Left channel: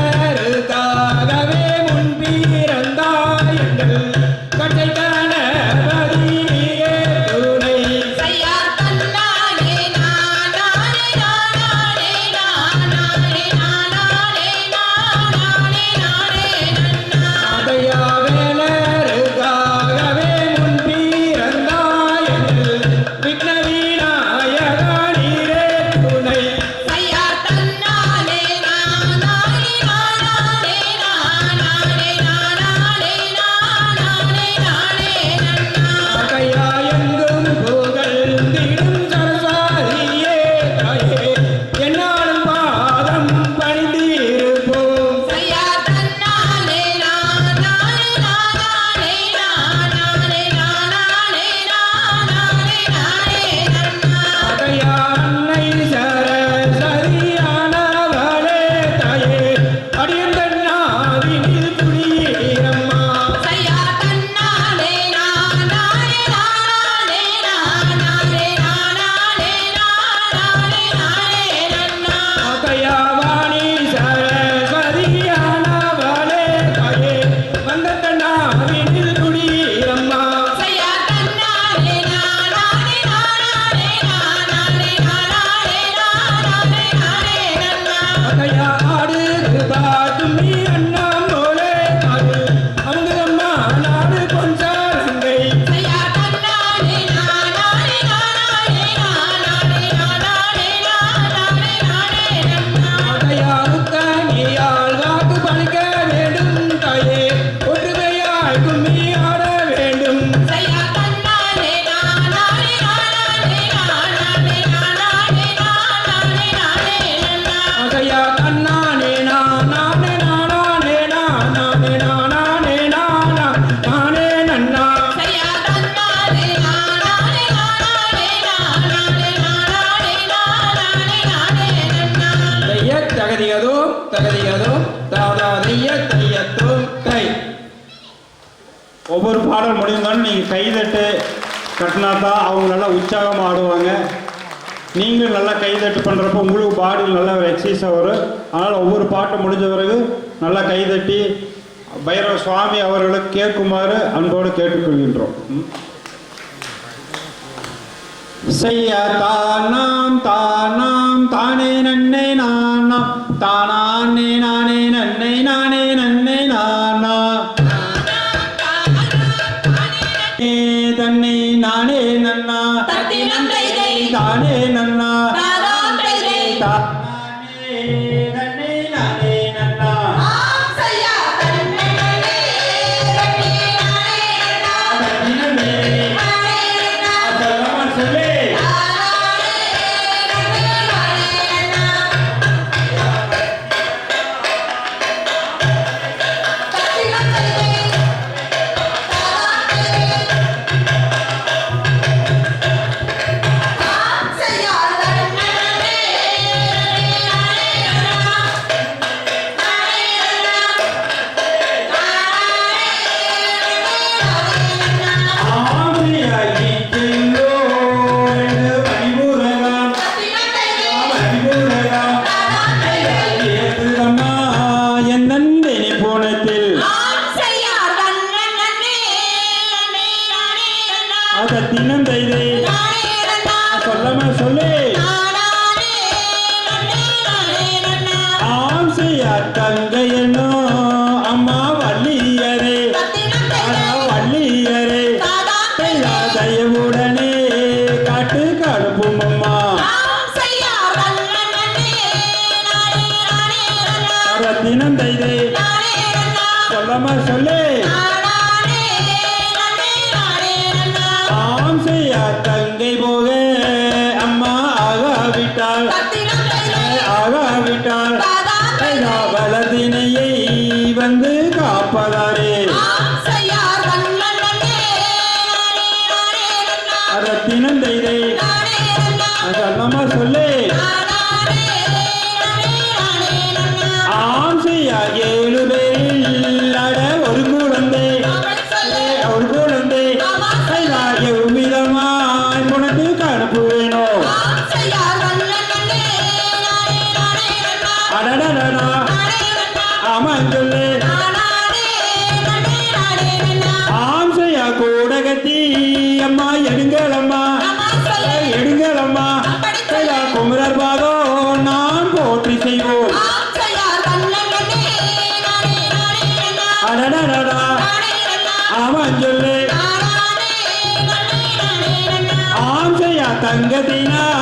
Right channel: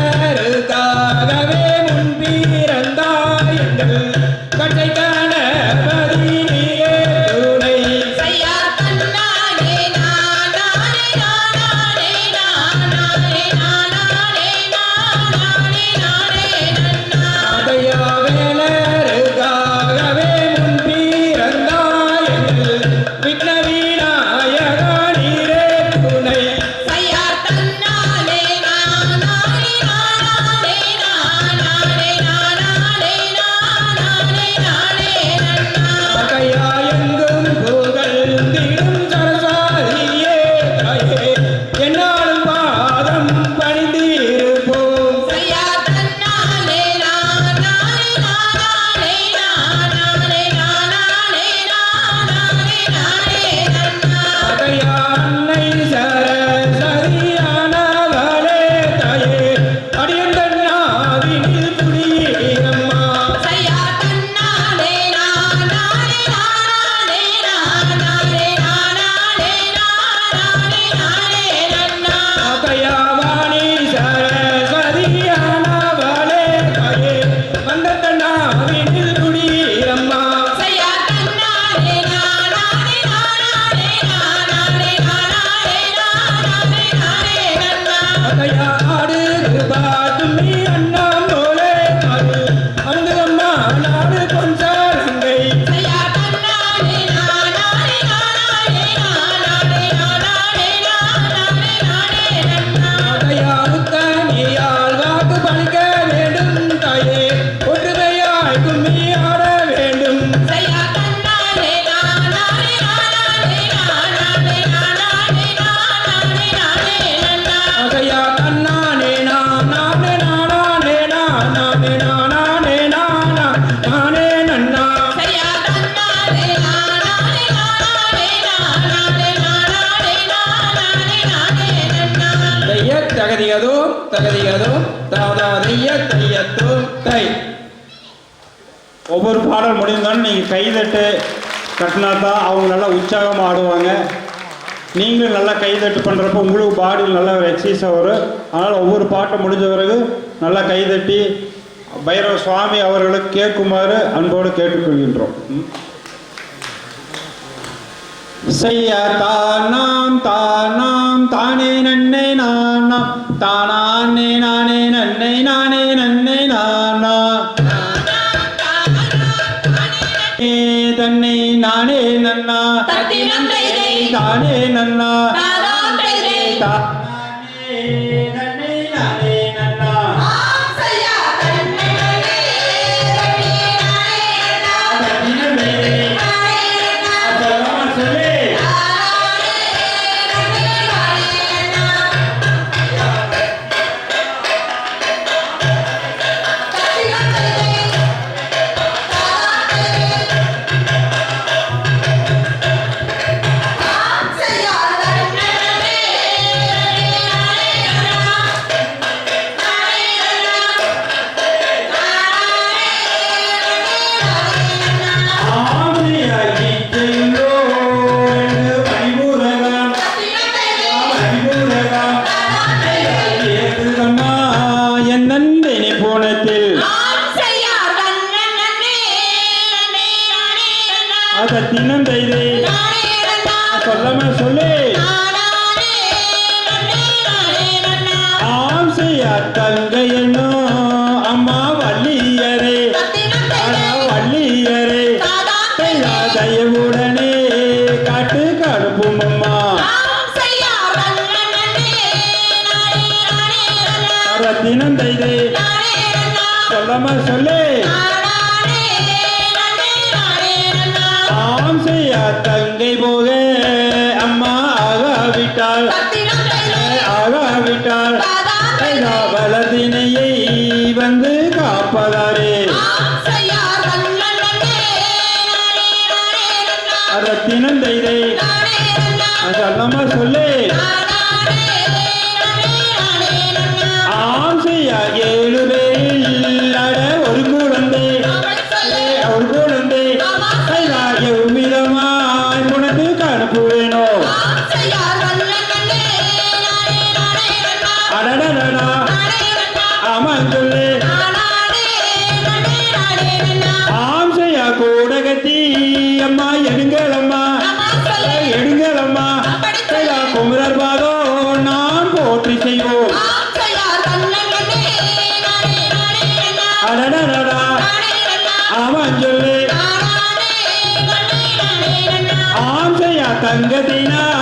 Yeah. தகதிகதோ தாவதாதைய தையத்தோ ஒவ்வொரு பாடல் முடிந்தாலும் நீங்கள் கைதட்டு கட்டினா தான் அவங்க நல்லா உற்சாகமாக ஆடுவாங்க. நீங்களும் நல்லா கைதட்டு பண்ணுறப்ப உங்களுக்கு பாடியில் நல்லா ஒரு எக்ஸசைஸாக வரும். அதனால் ஒவ்வொரு பாட்டை முடிஞ்ச பிறகு நல்லா கைதட்டி பைரவ சுவாமி அவர்களுக்கு கேட்குமாறு அன்போடு கேட்டுக்கொள்கின்றோம். செய்யா தானாம் தானாம் தானே நன்னை நானா. தானானே நானே நன்னை நானே நன்னை நானா. தன்னை நானே நன்னா. தானே நன்னா. தானே இனி பூனத்தில் அத தினம் தைதை. சொல்லமா சொல்லு. ஆம் செய்யார் தங்கைய தினம் தைதே சொல்லமா சொல்லு. ஆம் செய்யா தங்கை போக அம்மா ஆகாவிட்டாள். ஆகாவிட்டாள். வலதினையை வந்து காப்பதாரே. ரத்தினம் தைதை சொல்லமா சொல்லு. মদিনা